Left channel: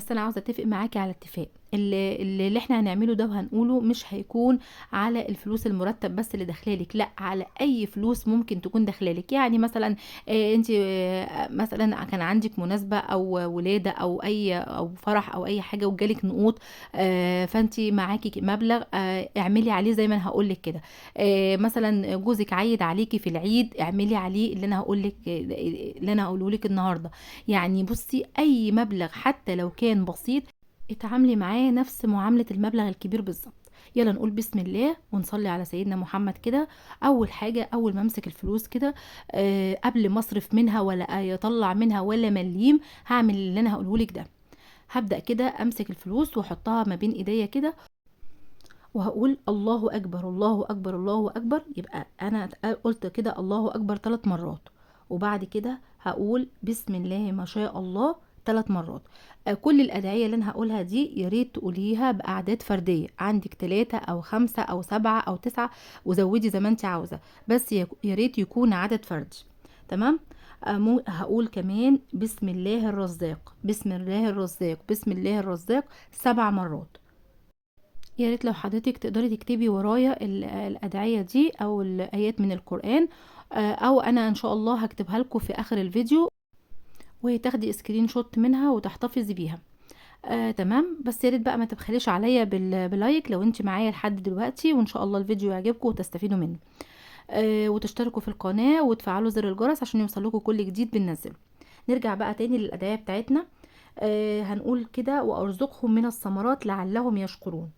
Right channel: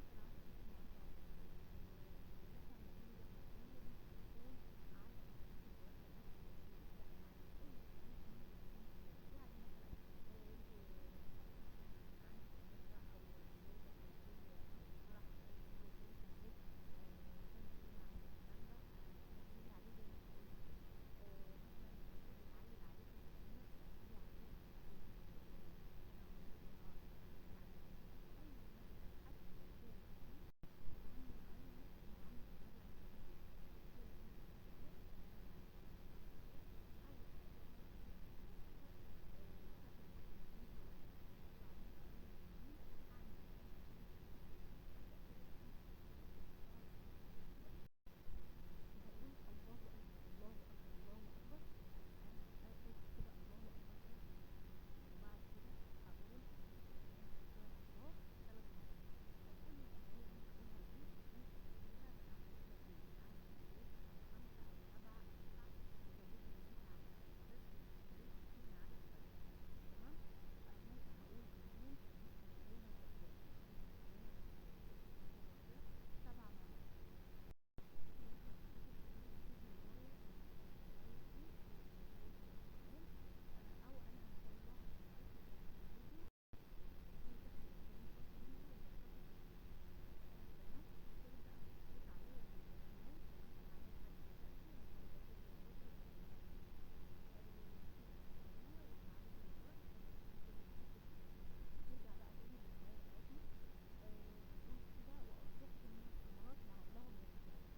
بس انا عاوزه اتفق معاكي على اتفاق. اللي احنا هنعمله ده وهنقوله مش هيكون على الفلوس المرتب بس اللي داخلالك، لا، على اي فلوس ممكن تكون داخلالك. يعني مثلا انت مثلا كان عندك مناسبه او ولاده او اي او فرح او اي حاجه وجالك نقود، فانت معاكي مبلغ، اعملي عليه زي ما انا هقول لك كده. مثلا جوزك عايد عليكي في العيد، اعملي عليه اللي انا هقول لك، اللي انا هقوله لك النهارده. يعني بصي، اي مبلغ حتى لو كان بسيط اتعاملي معاه نفس معاملة المبلغ الكبير بالظبط. يلا نقول بسم الله ونصلي على سيدنا محمد كده. اول حاجة، اول ما امسك الفلوس كده، قبل ما اصرف منها ولا يطلع منها ولا مليم، هعمل اللي انا هقوله لك ده. هبدأ كده امسك الفلوس واحطها ما بين ايديا كده، وهقول الله اكبر الله اكبر الله اكبر. يبقى انا قلت كده الله اكبر 3 مرات، وبعد كده هقول بسم الله ما شاء الله 3 مرات. كل الادعية اللي انا هقولها دي يا ريت تقوليها باعداد فردية، عندك 3 او 5 او 7 او 9، وزودي زي ما انت عاوزة، بس يا ريت يكون عدد فردي. تمام. هقول كمان بسم الله الرزاق بسم الله الرزاق بسم الله الرزاق 7 مرات. يا ريت لو حضرتك تقدري تكتبي ورايا الأدعية دي أو الآيات من القرآن، أو أنا إن شاء الله هكتبها لكم في آخر الفيديو، وتاخدي سكرين شوت منها وتحتفظي بيها. تمام. بس يا ريت بقى ما تبخليش عليا بلايك لو انت معايا لحد دلوقتي، وان شاء الله الفيديو يعجبكم وتستفيدوا منه. وتشتركوا في القناة وتفعلوا زر الجرس عشان يوصلكوا كل جديد بننزله. نرجع بقى تاني للأدعية بتاعتنا. هنقول كده: وأرزقهم من الثمرات لعلهم يشكرون.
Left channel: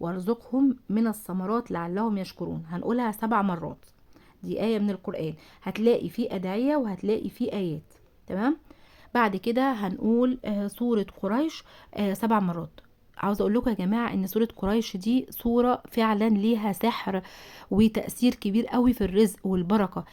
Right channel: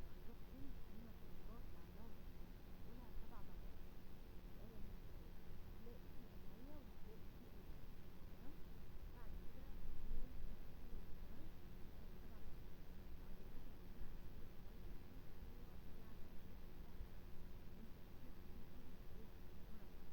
وارزقهم من الثمرات لعلهم يشكرون. هنقولها 7 مرات. دي آية من القرآن، هتلاقي فيه أدعية وهتلاقي فيه آيات. تمام. بعد كده هنقول سورة قريش 7 مرات. عاوزة اقول لكم يا جماعة ان سورة قريش دي سورة فعلا ليها سحر وتأثير كبير قوي في الرزق والبركة.